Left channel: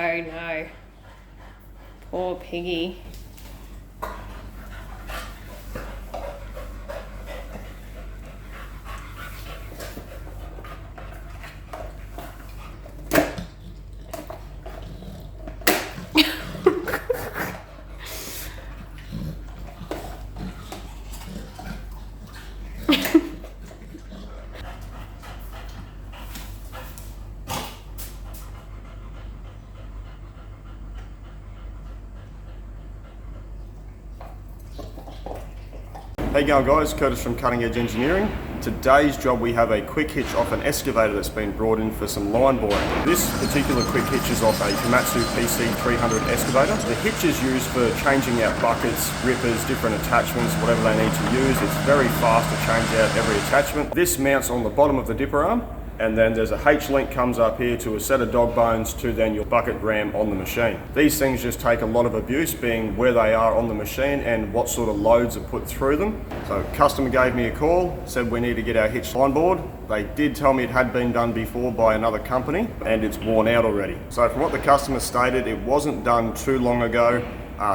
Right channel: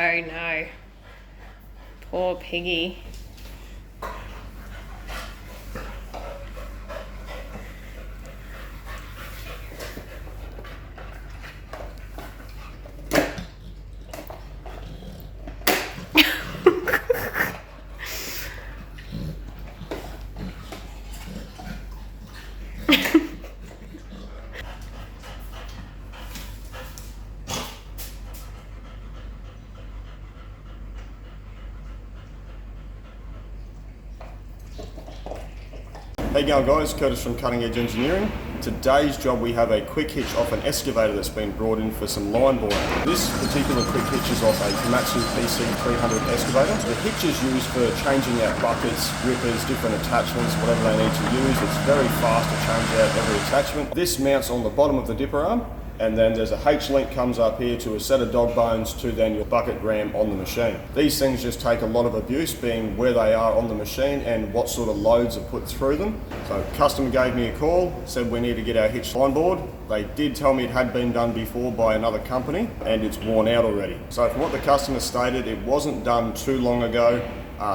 Oh no. Poor piggy. Hey going guys, Curtis from Cutting Edge Engineering. Today's job we have a quick hitch off an excavator that's been brought in for some line boring. This particular quick hitch is off a Komatsu PC300 Excavator. The hitch is used for changing out buckets, rippers, different attachments, whatever they need to use. It's very fast to change out every attachment. This mounts on the bottom of the dipper arm, and then there's a H link comes up here to a set of dog bones to then your bucket ram on the machine. These things just take a lot of abuse, being where they are on the machine and what sort of loads are put through them. So customer gave me a call, said we need to get our hitch on board. They did tell me it had been done before by another company and it's worn out already. So from what the customer stated, it wasn't done too long ago.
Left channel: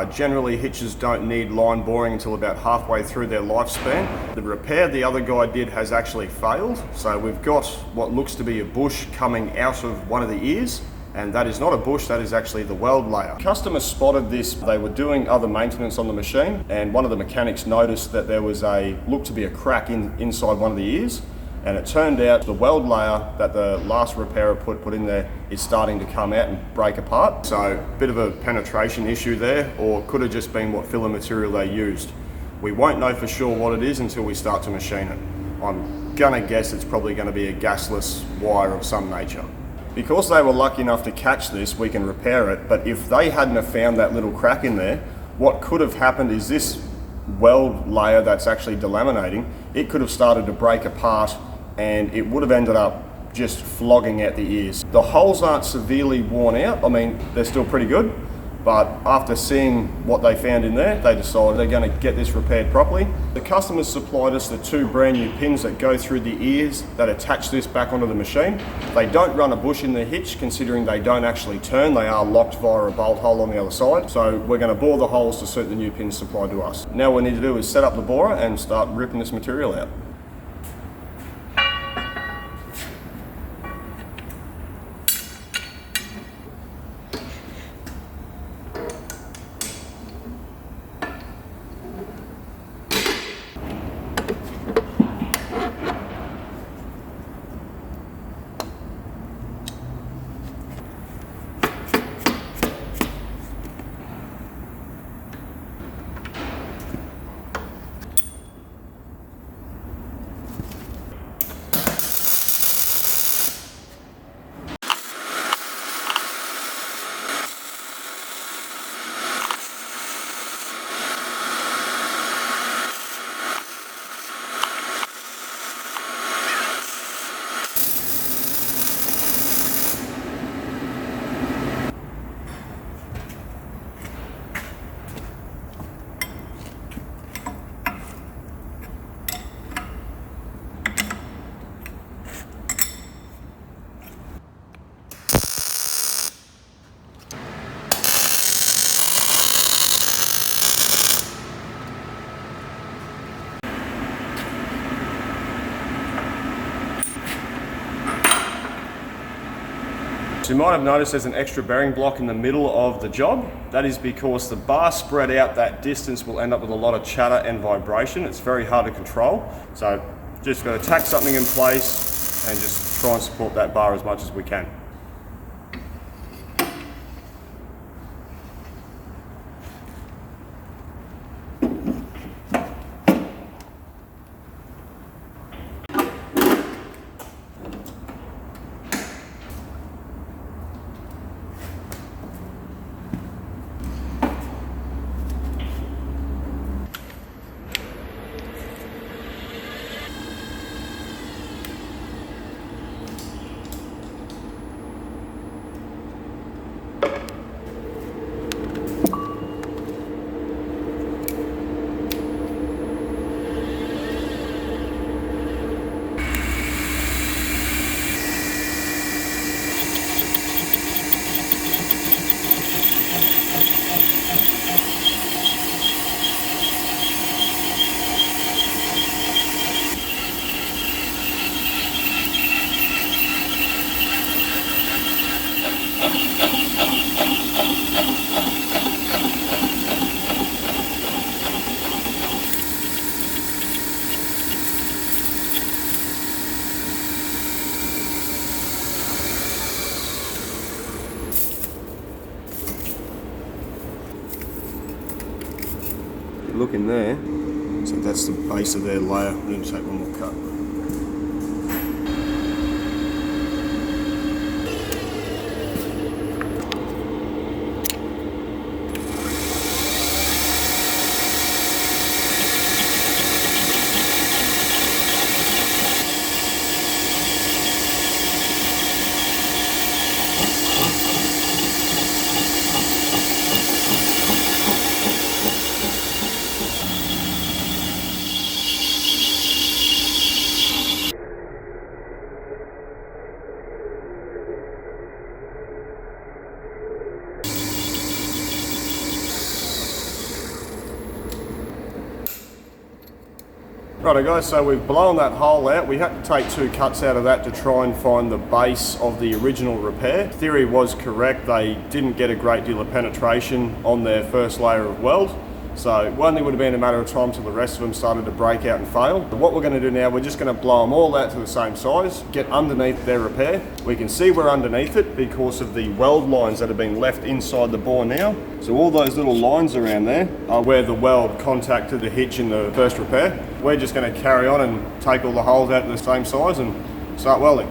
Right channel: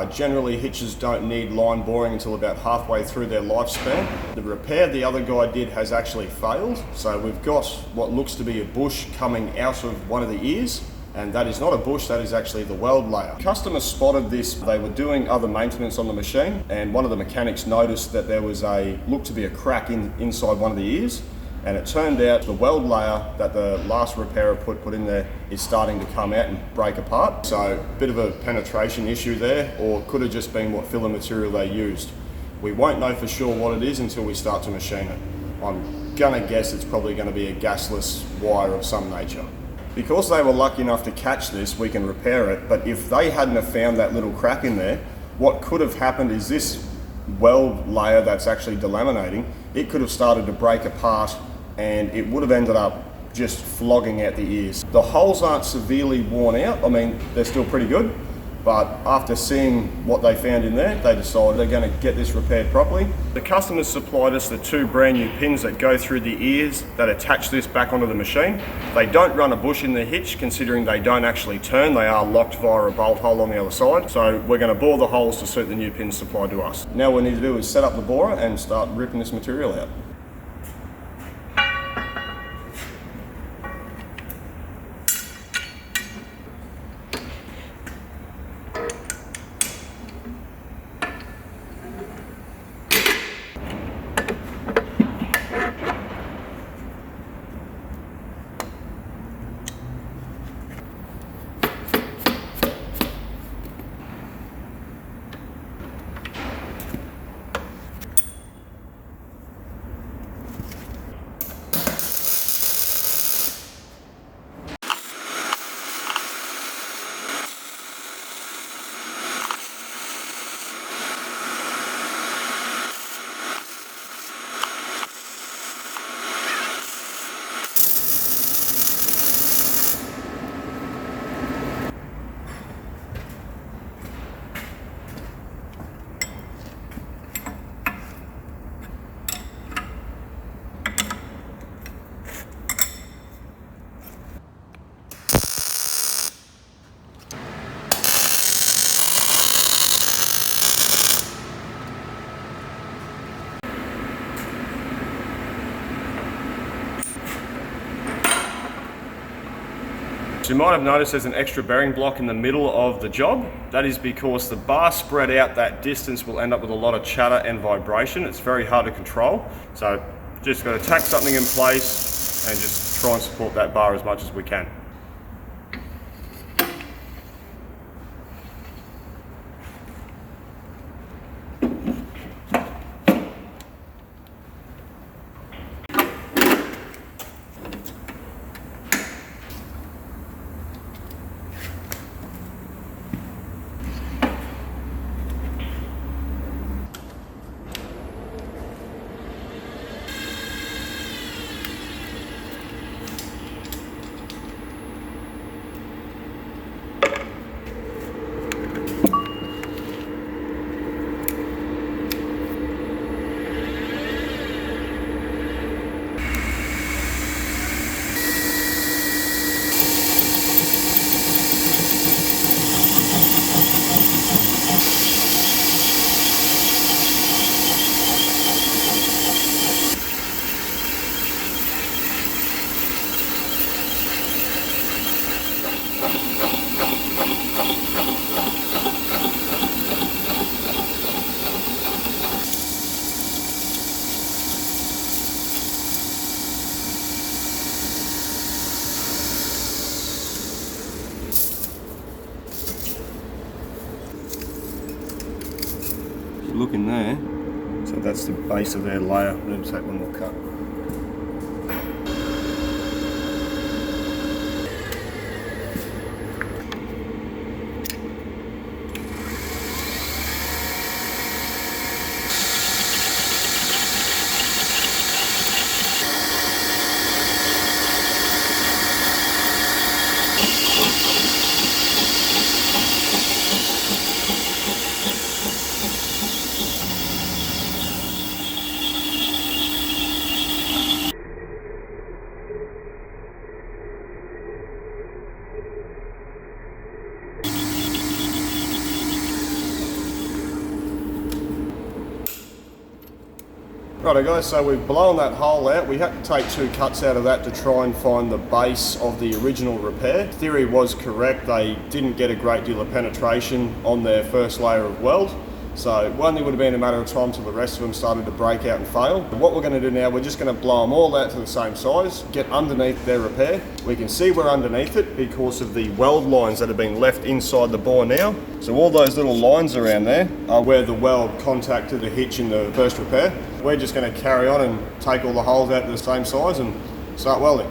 Generally hitches don't need line boring until about halfway through their lifespan. The repair the other guy did has actually failed. So we've got what looks to be a bush coming out of one of the ears, and that is not a bush, that is actually the weld layer. Customer spotted this, they were doing other maintenance on the machine, and one of the mechanics noticed that there was looked to be a crack inside one of the ears. And it turned out the weld layer that the last repairer put in there is starting to come out and break apart. So a bit of a penetration issue there, or it could have just been what filler material they used. We won't know for sure what it is until we start to machine it. I'm gonna guess it's probably gonna be a gasless wire of some nature. Because they were lucky enough to catch this, we can repair it, but if they hadn't have found that little crack in there, what could have happened is this weld layer that's actually delaminating, it could have started to break apart and it would have ended up just flogging out the ears. The holes aren't severely worn out. I mean, they're still pretty good, but after seeing what they found in there, they decided they're going to get this repaired properly. The customers supplied us the two brand new pins that go through the ears that attach this back onto the machine. They don't run a bush in the hitch, considering they don't actually turn. They are locked via a bolt hole on the other side. So we're going to bore the holes to suit the new pins supplied to us. Now what we need to do is set up the borer and start ripping this material out. So you might have noticed there's an extra bearing block in the middle of the job. That is because the bar spread out that distance will end up with a lot of chatter and vibration. It's very hard to control. So just got to tack something in place and just try and support that bar as much as we can. in there. So that's the base of their layer. We'll take one more cut. Righto guys, so we've blown that hole out. We had to take 2 cuts out of that to try and find the base of the original repair. Theory was correct, they didn't get a great deal of penetration on their first layer of weld. So it only would have been a matter of time till the rest of them started to break out and fail. But what we're going to do now, we're just going to blow them all out to the same size, get underneath their repair. We can see we're underneath it because of the weld lines that have been left inside the bore now. So all those little lines around there are where the weld contacted the hitch in the first repair. We're just going to carry on and take all the holes out to the same size and start welding.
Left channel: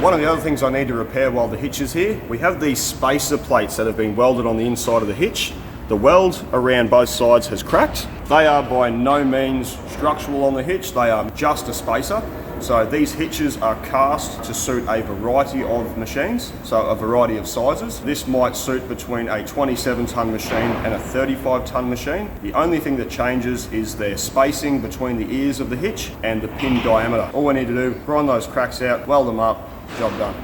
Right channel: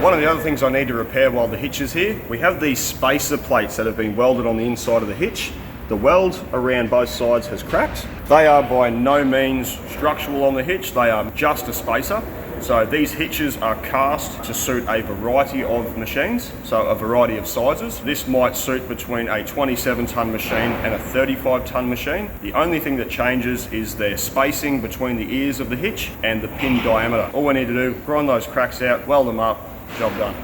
One of the other things I need to repair while the hitch is here, we have these spacer plates that have been welded on the inside of the hitch. The weld around both sides has cracked. They are by no means structural on the hitch, they are just a spacer. So these hitches are cast to suit a variety of machines, so a variety of sizes. This might suit between a 27-ton machine and a 35-ton machine. The only thing that changes is their spacing between the ears of the hitch and the pin diameter. All we need to do, grind those cracks out, weld them up, job done.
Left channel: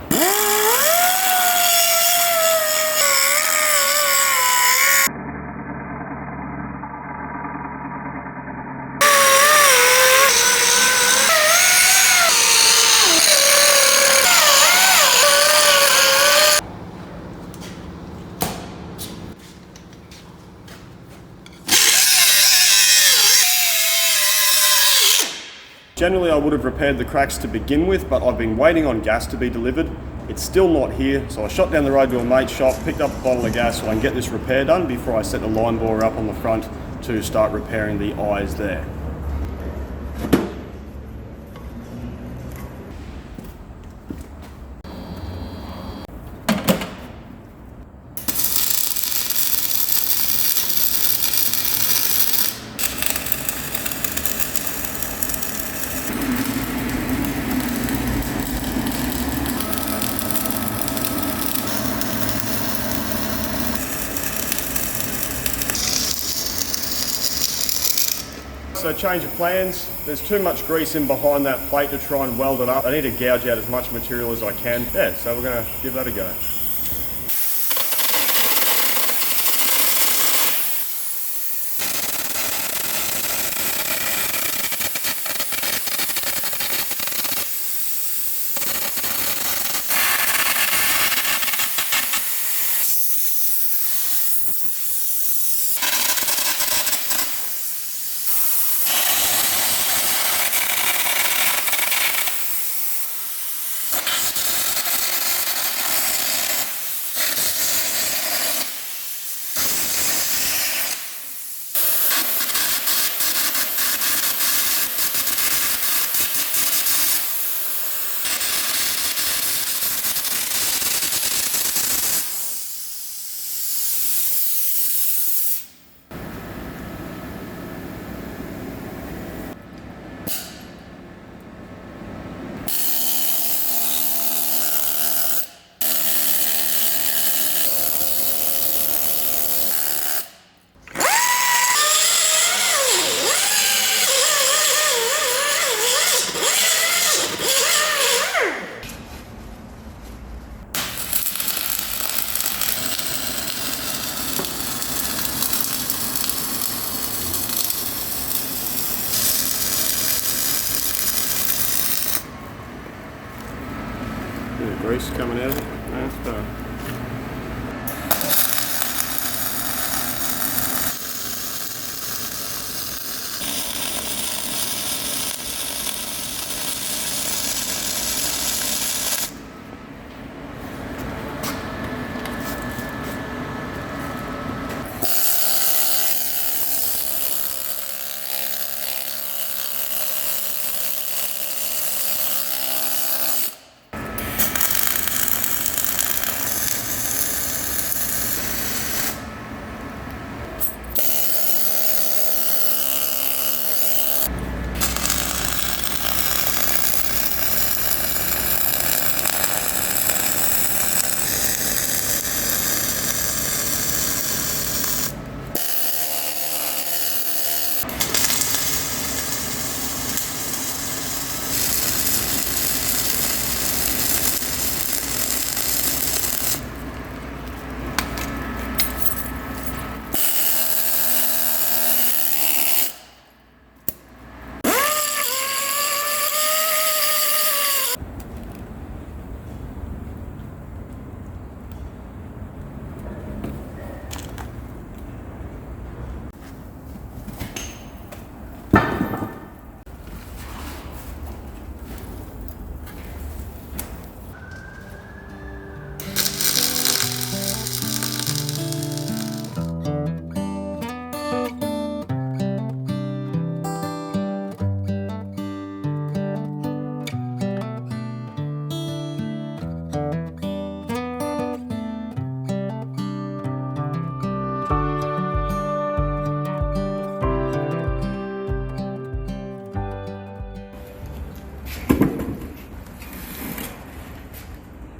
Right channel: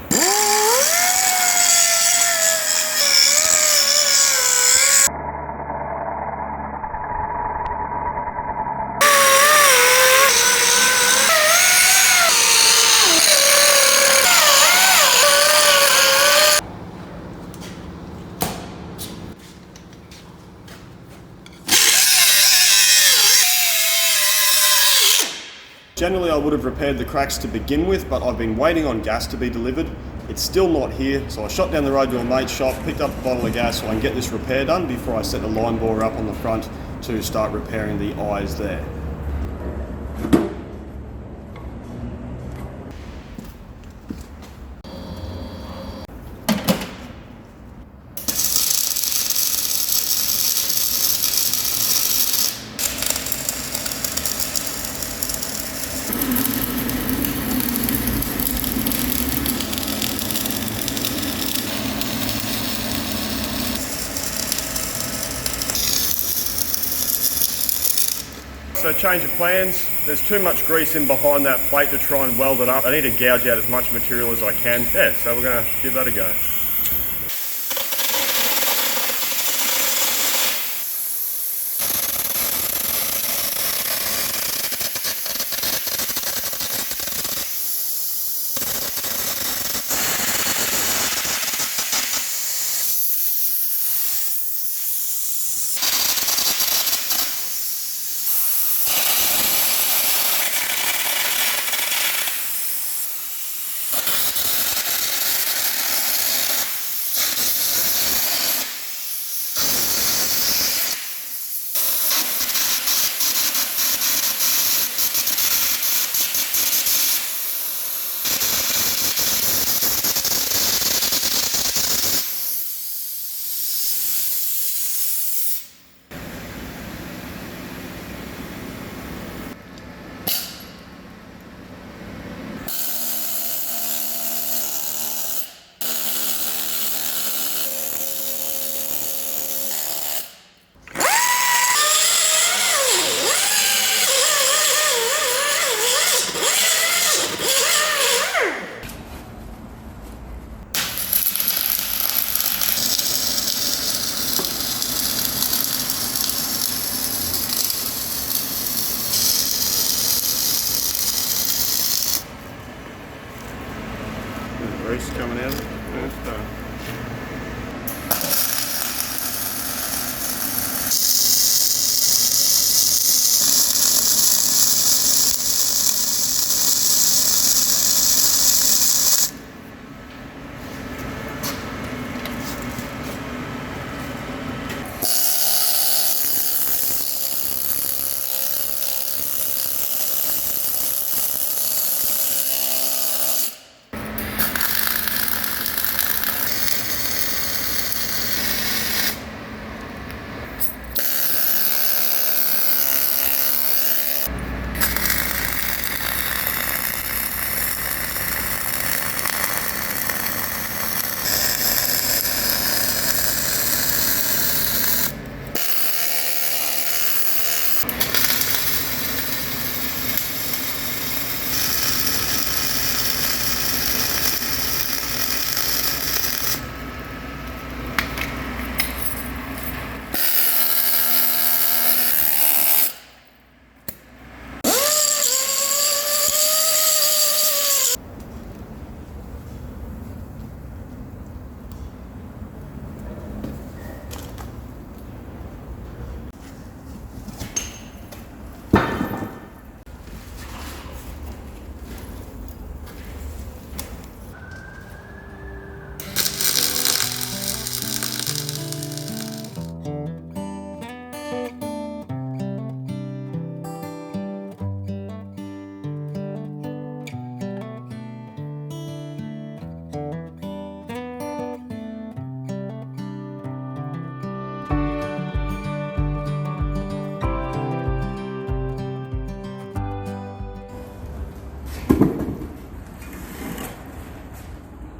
Generally I would have repaired the cracks to begin with, but I've been waiting on gas to be delivered. It's still not here, so I shot down the road to a mate's shop, picked up a bottle of gas so I can get this repair done before I set the line bore up on the front to start repairing the eyes there. So change of plans, there's too much grease in behind that plate to try and weld it up. I need to gouge out as much material as I can. Yeah, so we're going to give that a go. juice coming out. Okay.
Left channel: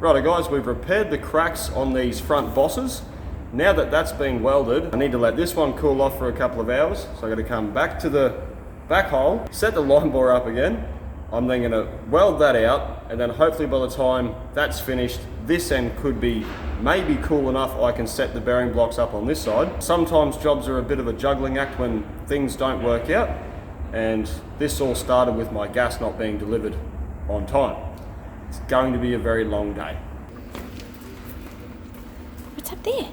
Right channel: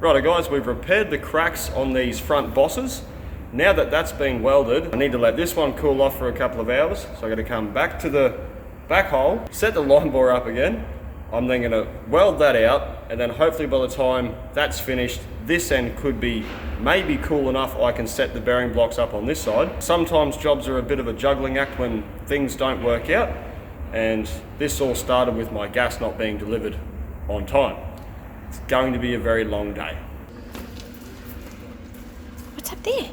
Righto guys, we've repaired the cracks on these front bosses. Now that that's been welded, I need to let this one cool off for a couple of hours. So I'm going to come back to the back hole, set the line bore up again. I'm then going to weld that out, and then hopefully by the time that's finished, this end could be maybe cool enough I can set the bearing blocks up on this side. Sometimes jobs are a bit of a juggling act when things don't work out, and this all started with my gas not being delivered on time. It's going to be a very long day. What's up there?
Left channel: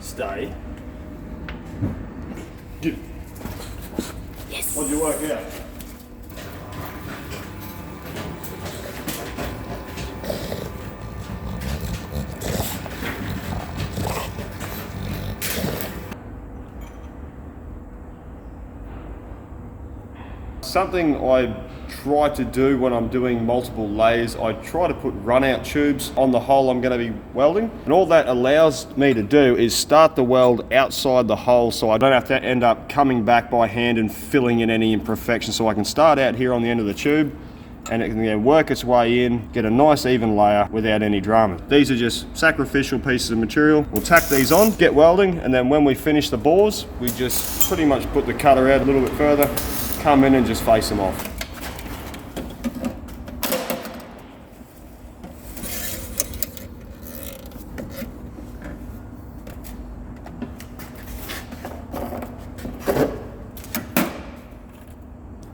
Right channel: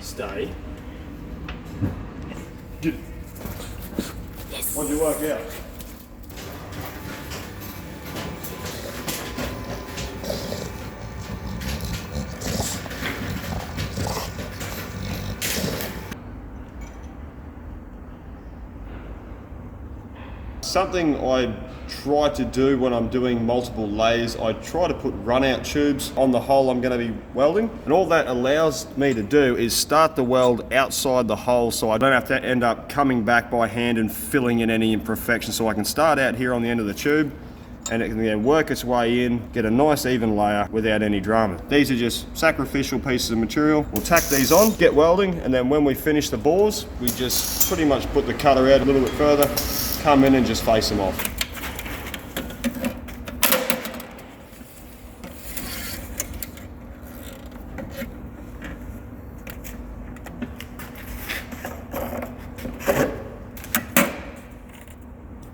Stay. Get it. Yes. What did you work out? Something I try to do when I'm doing multiple layers, I try to put run out tubes on the hole I'm going to be welding, and all that allows me to do is start the weld outside the hole so I don't have to end up coming back by hand and filling in any imperfections. So I can start out here on the end of the tube and it can then work its way in, get a nice even layer without any drama. These are just sacrificial pieces of material. We'll tack these on, get welding, and then when we finish the bores, we just pretty much put the cutter out a little bit further, come in and just face them off.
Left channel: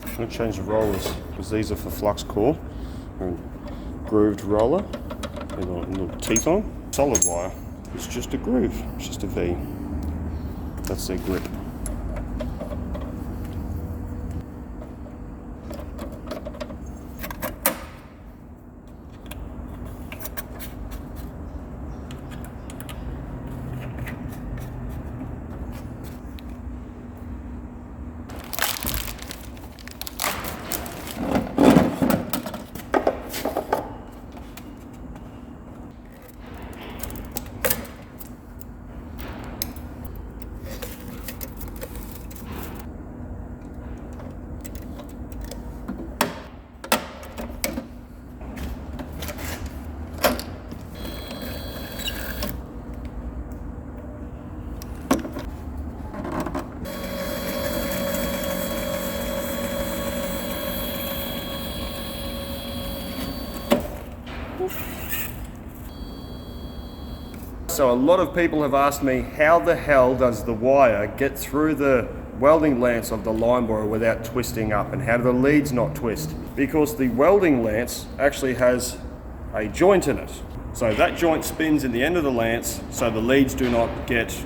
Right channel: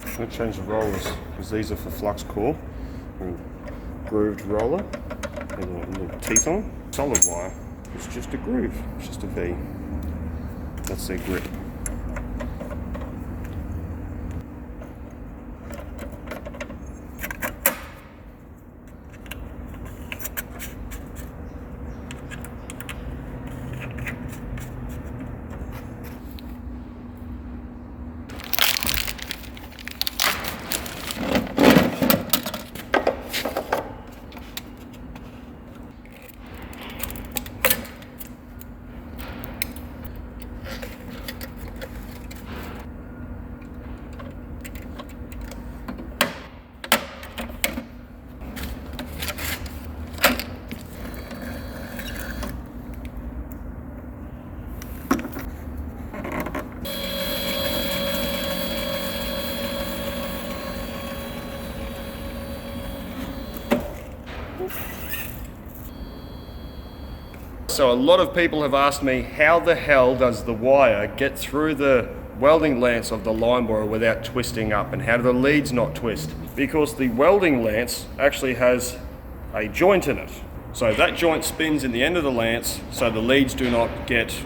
I'm going to change the rollers because these are for flux core and grooved roller and a little teeth on. Solid wire, it's just a groove, it's just a V. That's their grip. So a lot of people have asked me, how the hell does the wire get through the welding lance of the line borer without twisting up, and how do the leads not twist? Because the welding lance actually has a joint in it. So that joint spins in the end of the lance so the leads do not get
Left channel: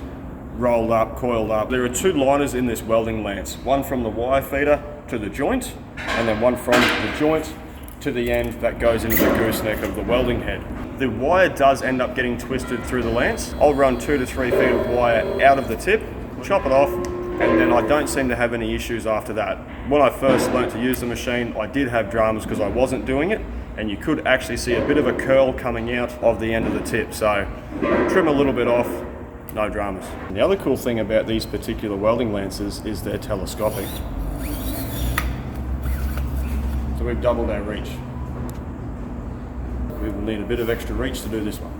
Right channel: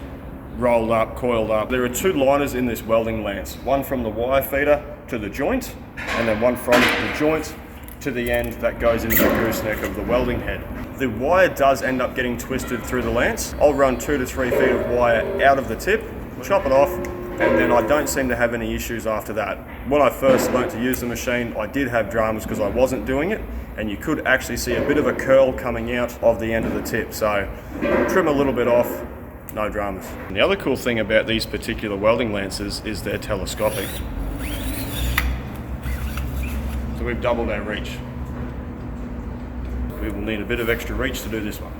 rolled up, coiled up. There are two liners in this welding lance, one from the wire feeder to the joint, and then one from the joint to the end that goes into the gooseneck of the welding head. The wire does end up getting twisted through the lance. I'll run 2 to 3 feet of wire out of the tip, chop it off, and then I don't seem to have any issues after that. When I first learnt to use the machine, I did have dramas because I wasn't doing it, and you could actually see a bit of a curl coming out of the end of the tip. So trim a little bit off, no dramas. And the other cool thing about these particular welding lances is they're telescopic. So we've doubled our reach. We will need a bit of extra reach to do this one.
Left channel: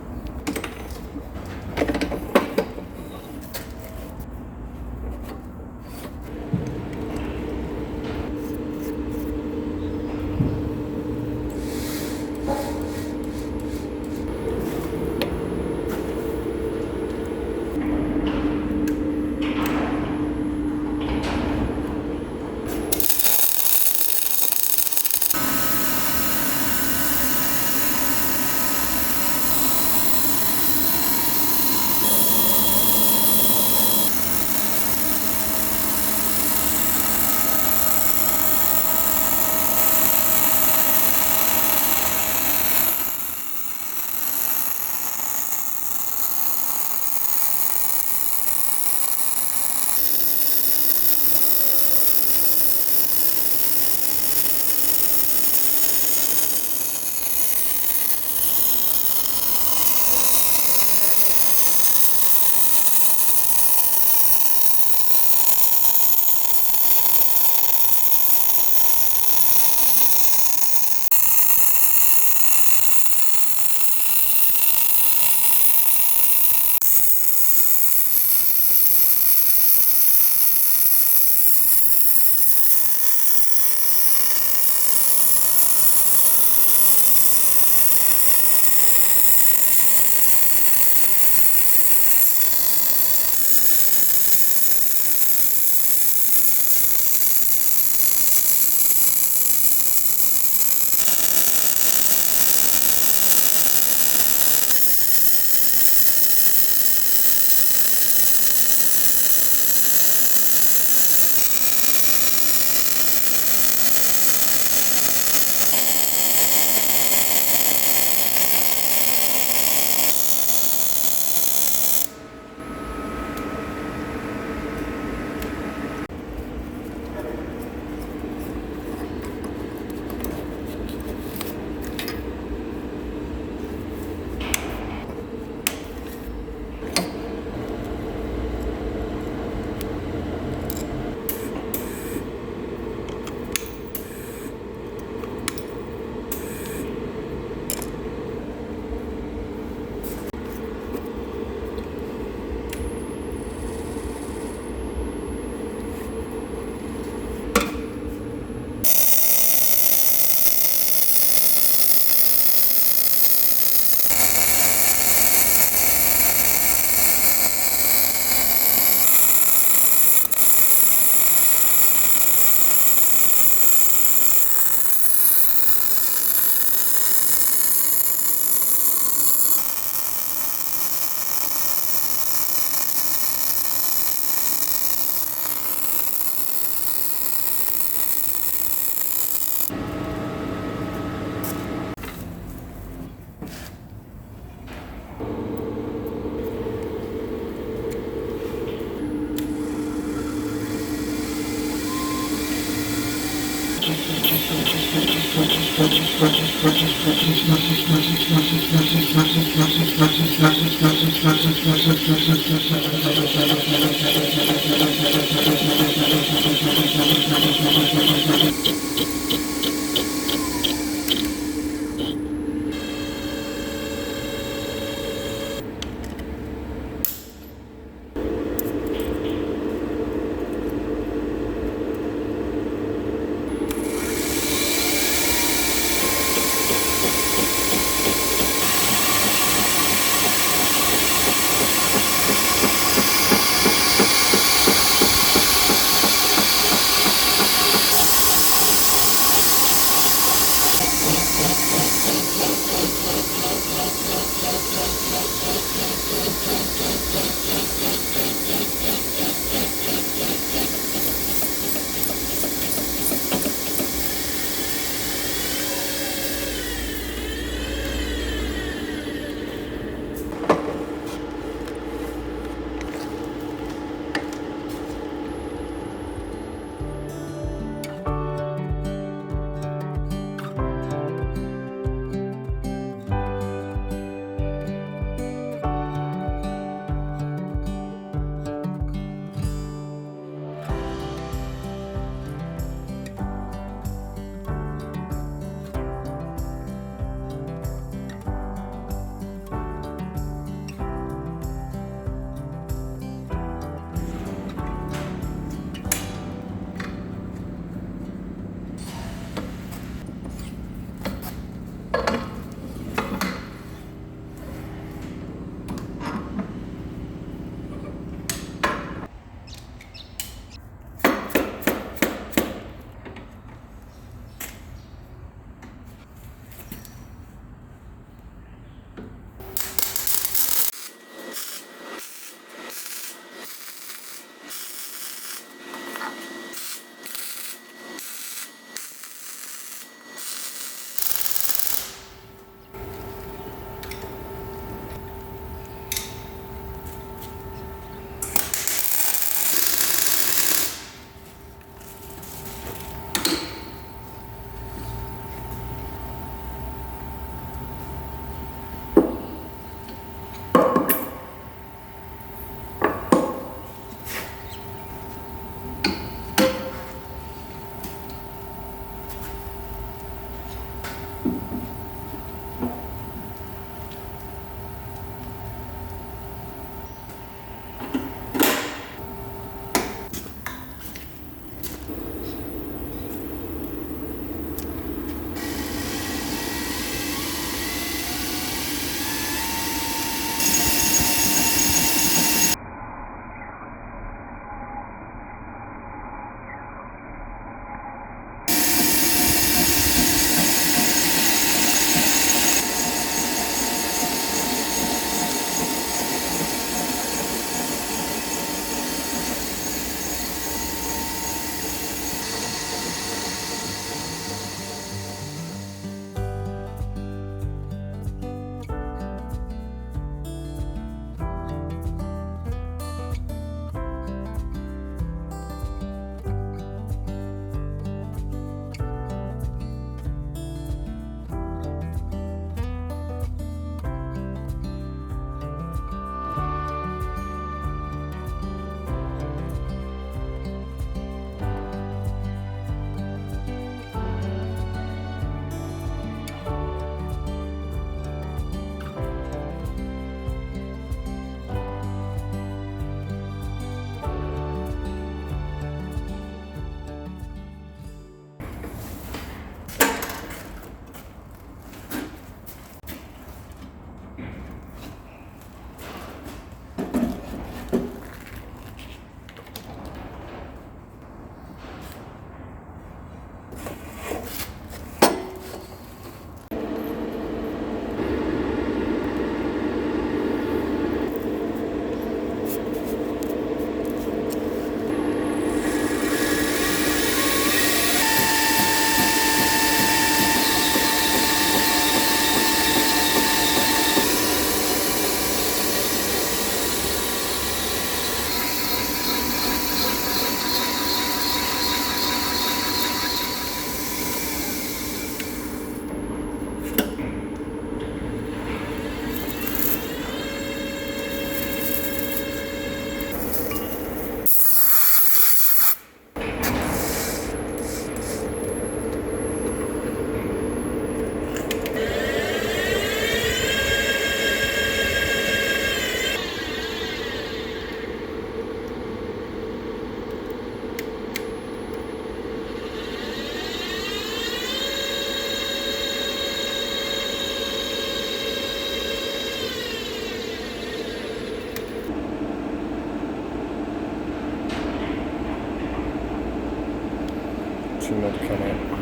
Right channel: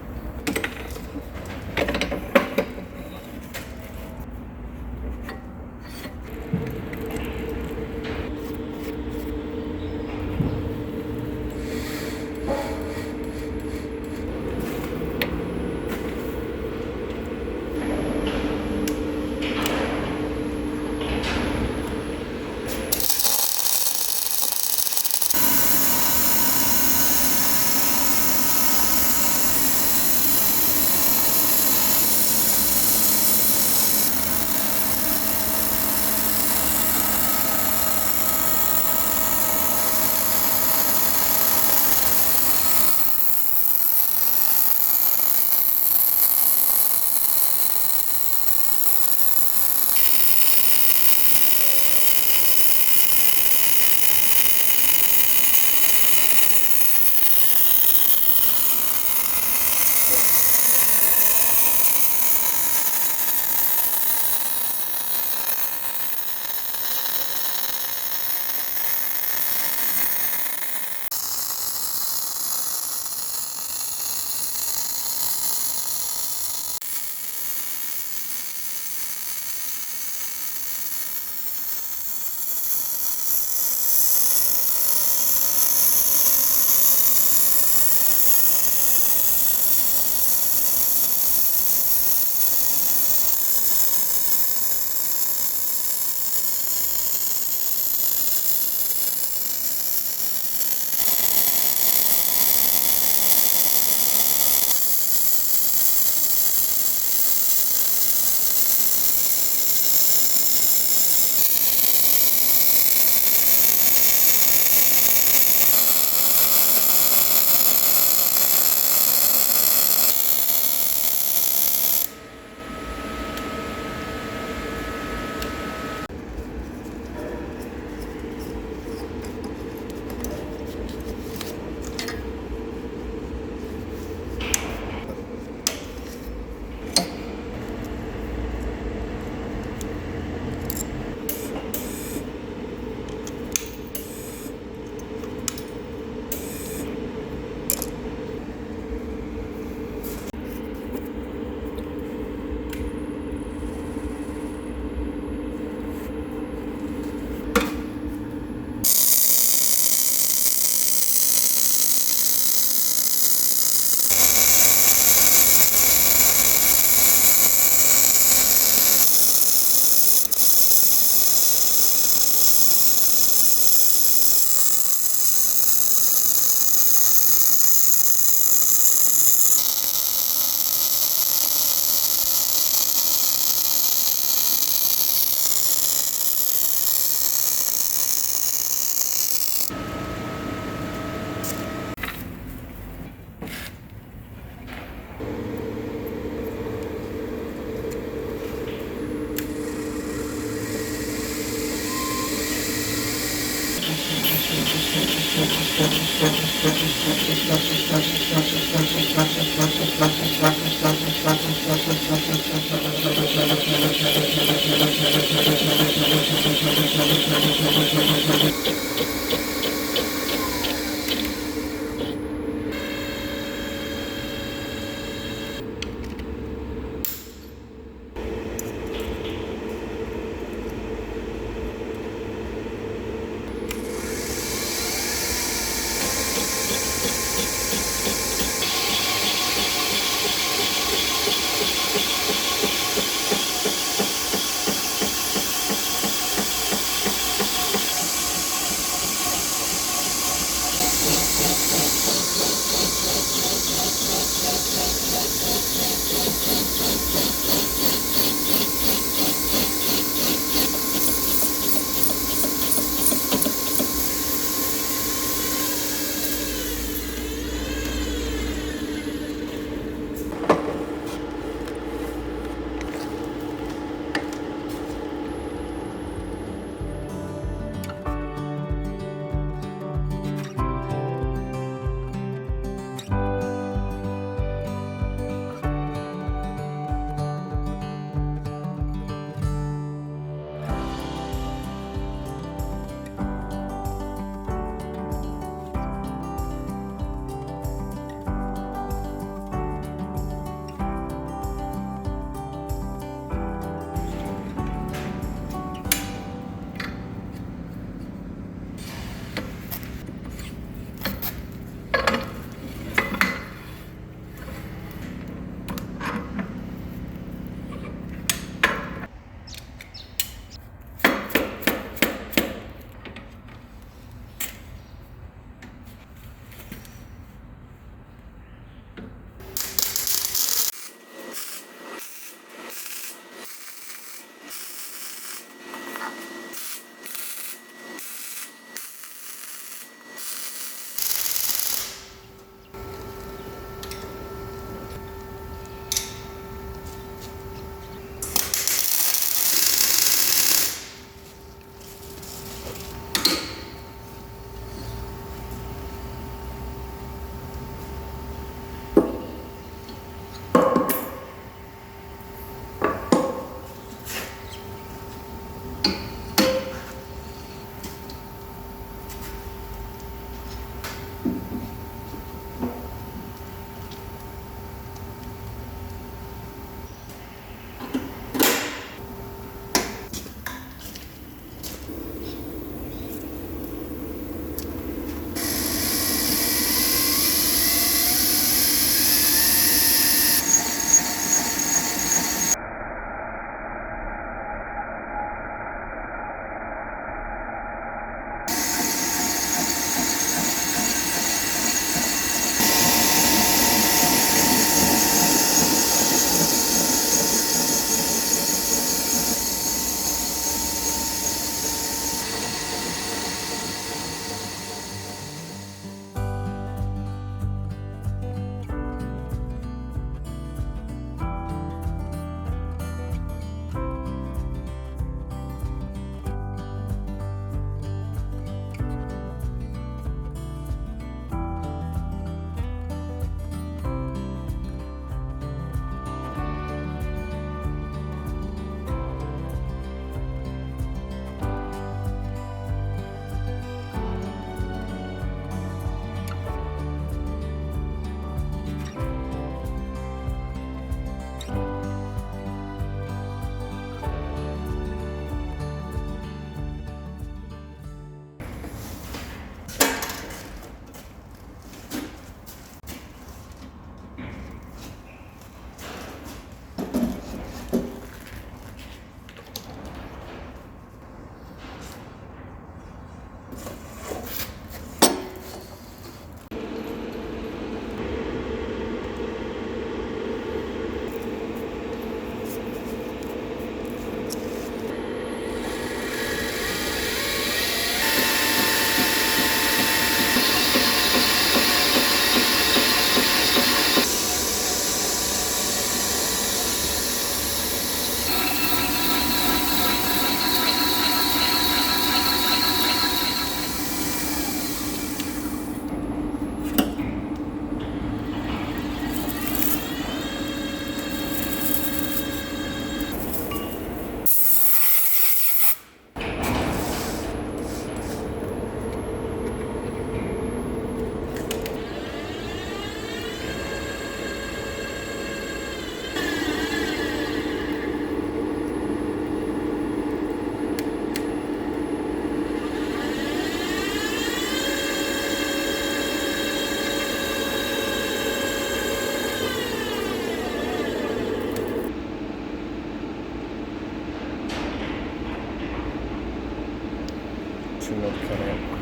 tension rod to come out.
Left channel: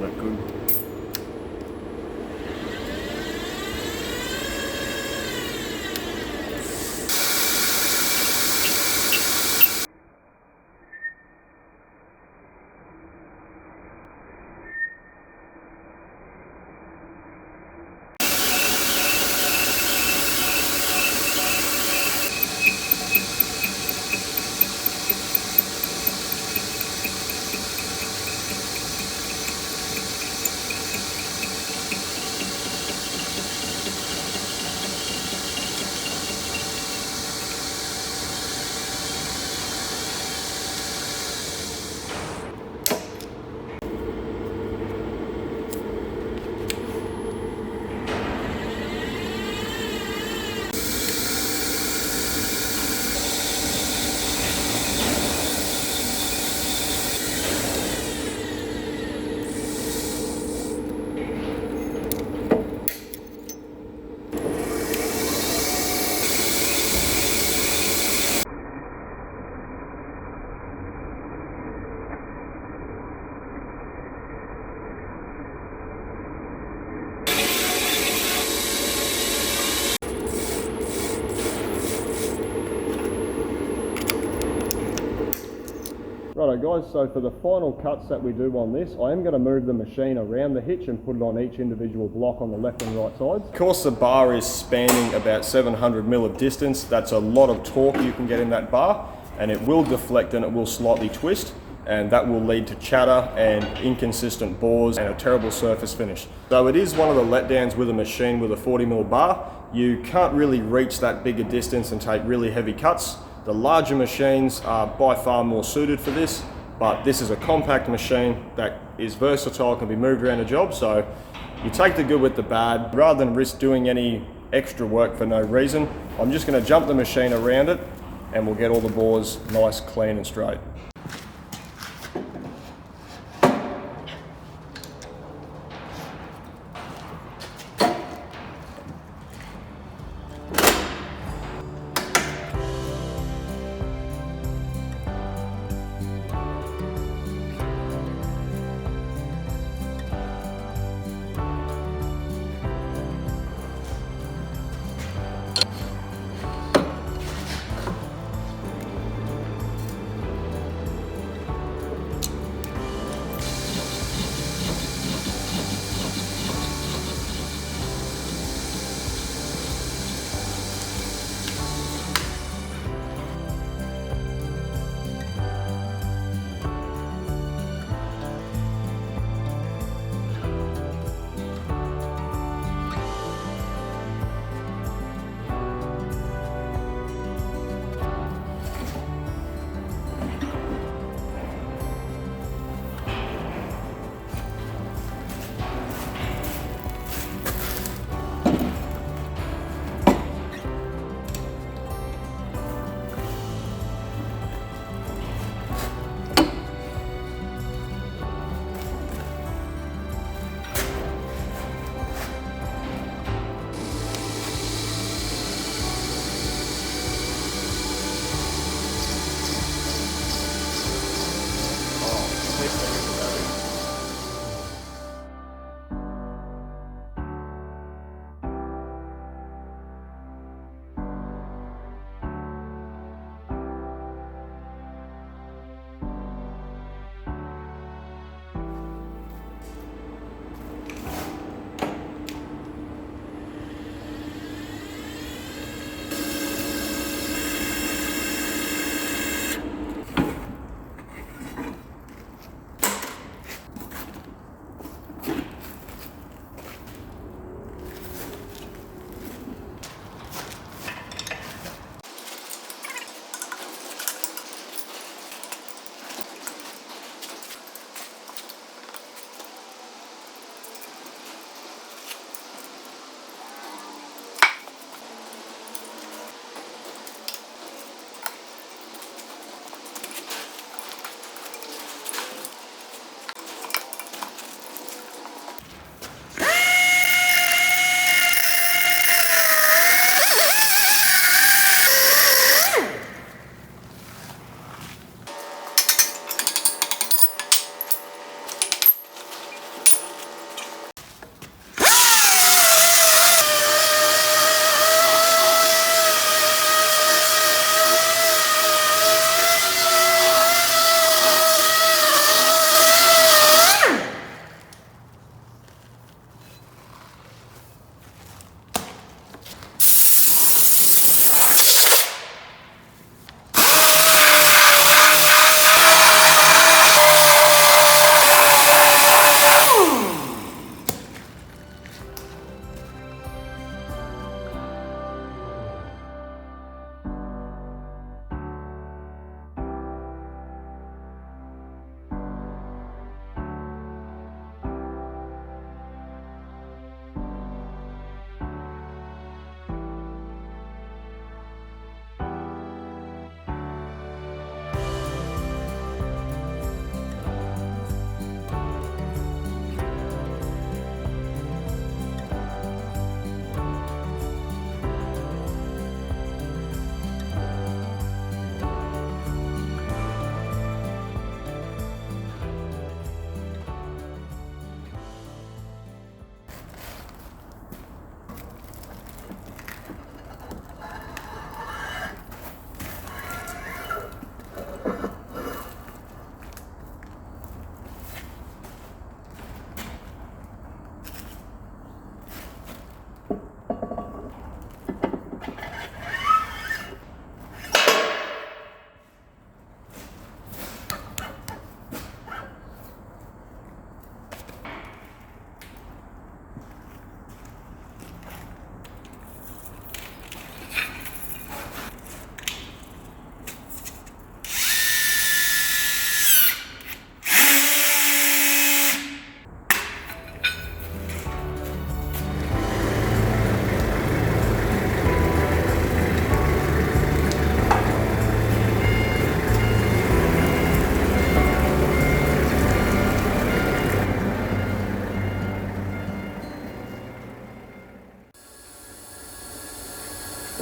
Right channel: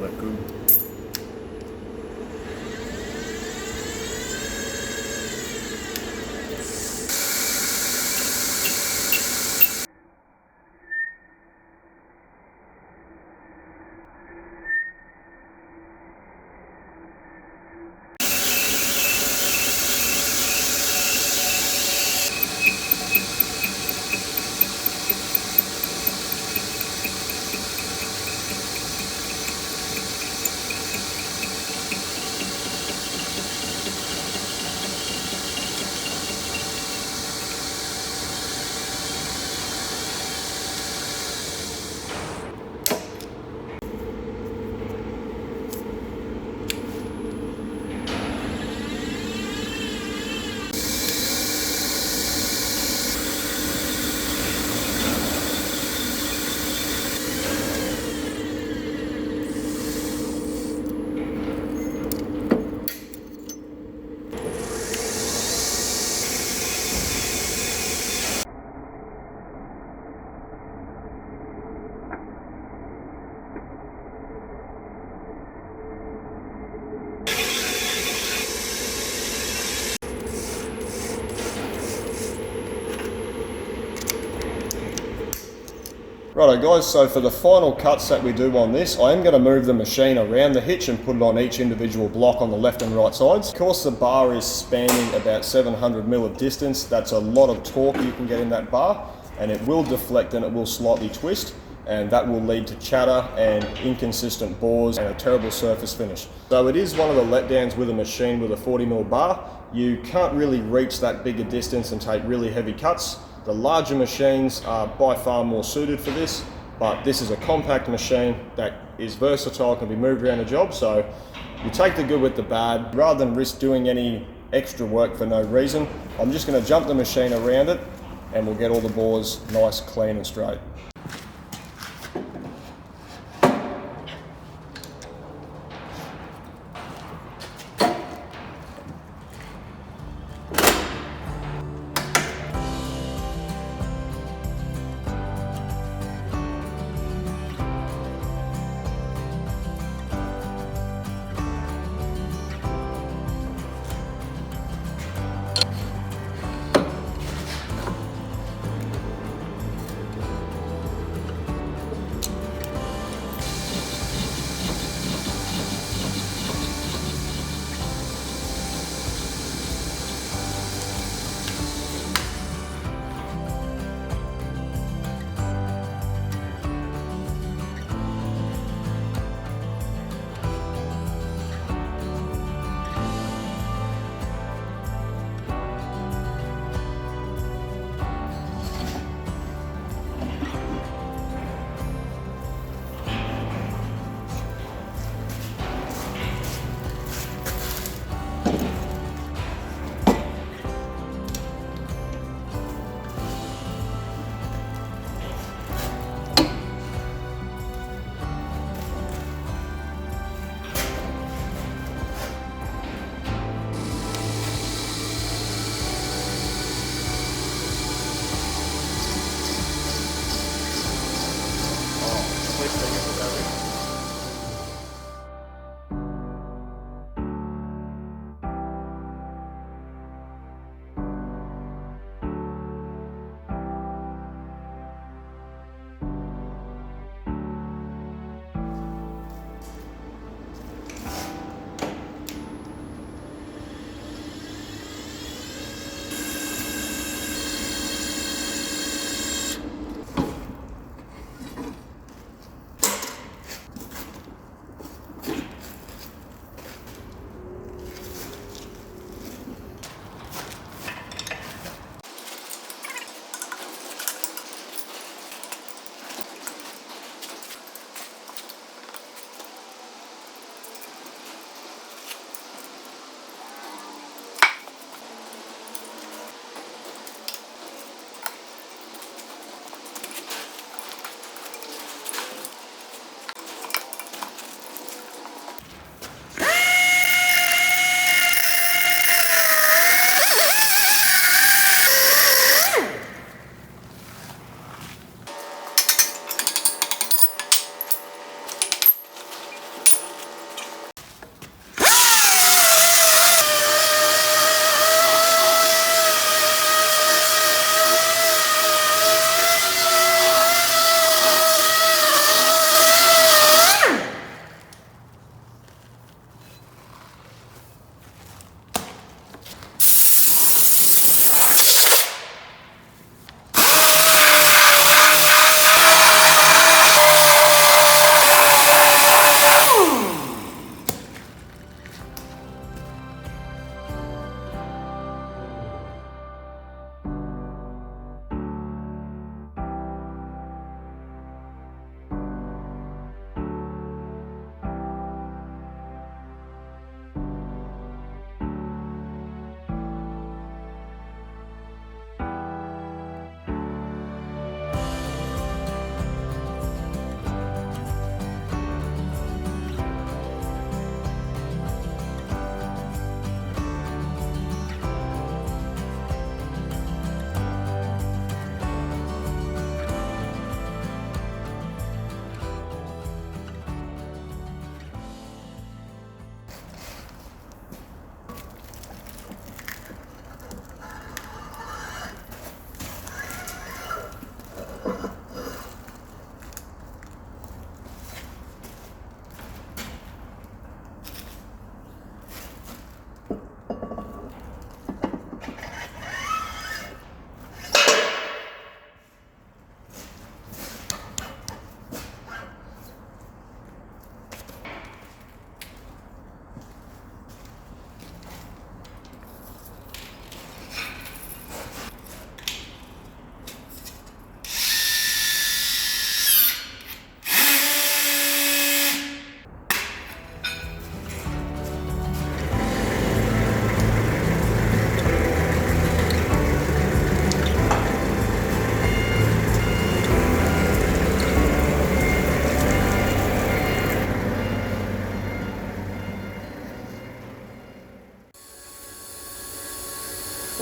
That good. Righto guys, so for the final cuts that we do on this, I am going to move the machine around the hitch and put it on each individual block on the left and right sides. Of course the bar is spanning about 700 mil of distance. That's a lot of torque you can get in that bar, and it will deflect and it will slightly twist, and that will lead to chatter and inconsistent bores and a terrible surface finish. So it is one of the letdowns with a machine with a 40 mil bar. You can't really reach that bigger distance and take really heavy cuts. The larger machines are by far more suited for this, but this is a compact machine that is versatile, can be moved around a job, so you take the good with the bad. Rather than risk doing any extra work for no reason, I'm just going to jump the machine around it and we'll get all the bores nice, clean and straight.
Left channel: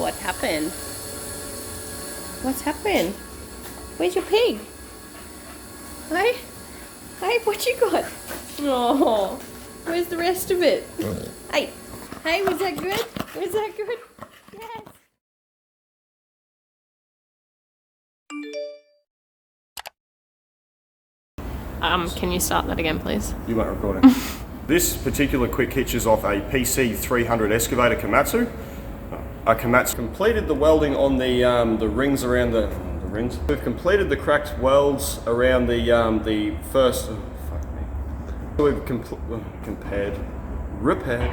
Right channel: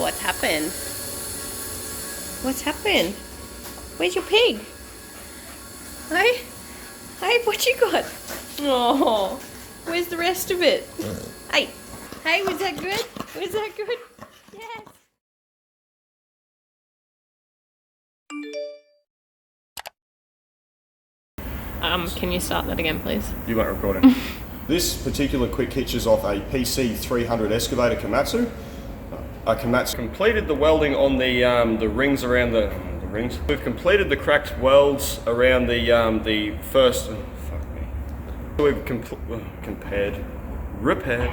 What happened? What's happened? Where's your pig? Hey? Hey, what you got? Oh, where's the rest of it? Hey, hey, was that good? Was that good? Yes. Can you start that again, please? You weren't recording. This particular quick hitch is off a PC300 Excavator Komatsu. A Komatsu completed the welding on the rings around the rings. We've completed the cracked welds around the first. Oh, fuck me. We've repaired.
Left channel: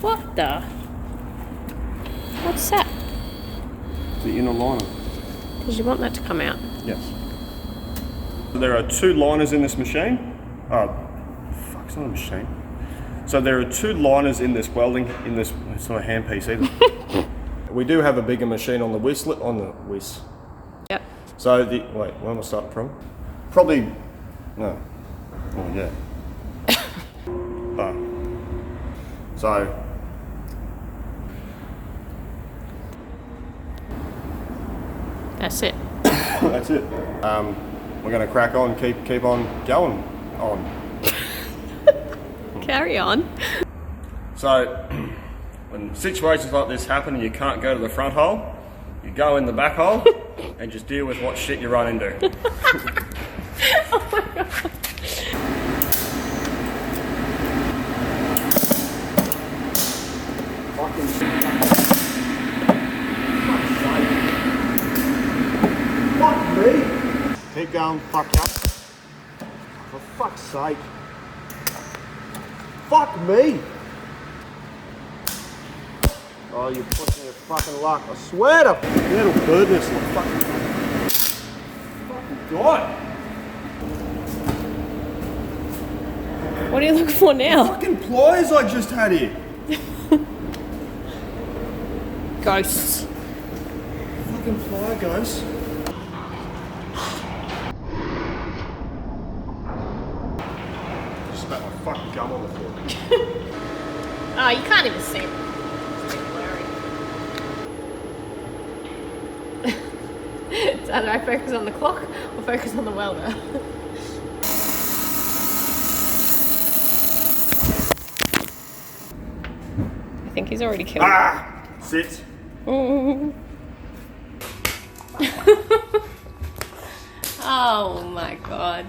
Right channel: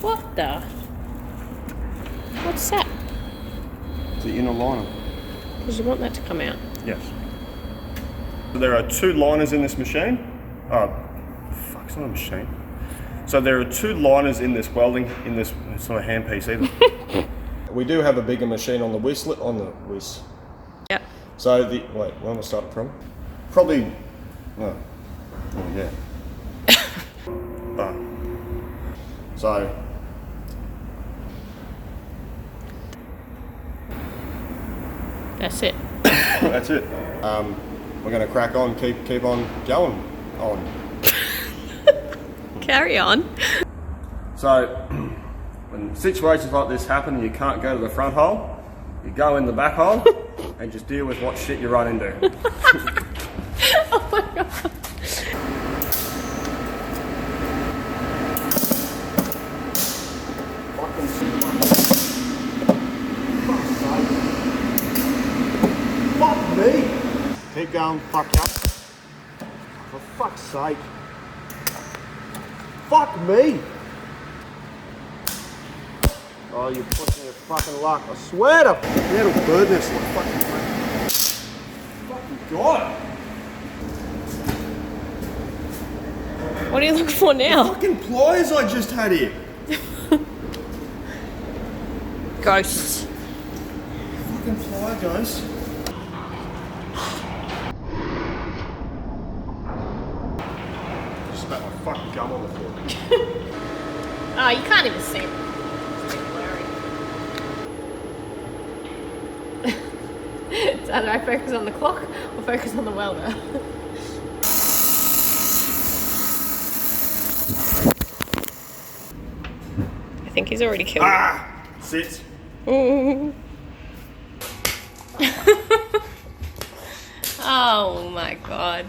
What the? What's that? The inner liner. Did you want that to come out? Yes. So there are two liners in this machine. Oh, fuck, it's not a machine. So there are two liners in this welding, it's not a hand piece either. We do have a bigger machine on the whisk. Yep. So wait, where am I starting from? Probably, no. Oh, yeah. So. That's it. That's it. We're gonna crack on, keep on going on. Carry on. So, when situations like this happen and you can't go to the front hole, you go in the back hole and just deal with what shit you run into. Oh my god. Fuck me! Keep going, fuck up. For fuck's sake. Fuck me! Oh, you're pushing your fucking luck. I swear to metal birdness like fucking God! What are you looking for now? Fucking pliers I just had here. Ghosts. Fucking plier, guys. Just spat my fucking gum on the floor. Oh, you can't even see it. It's a bit blurry. So do I focus on the clock or focus on the welder? I think he's already killed Ah! Sit. Oh my god.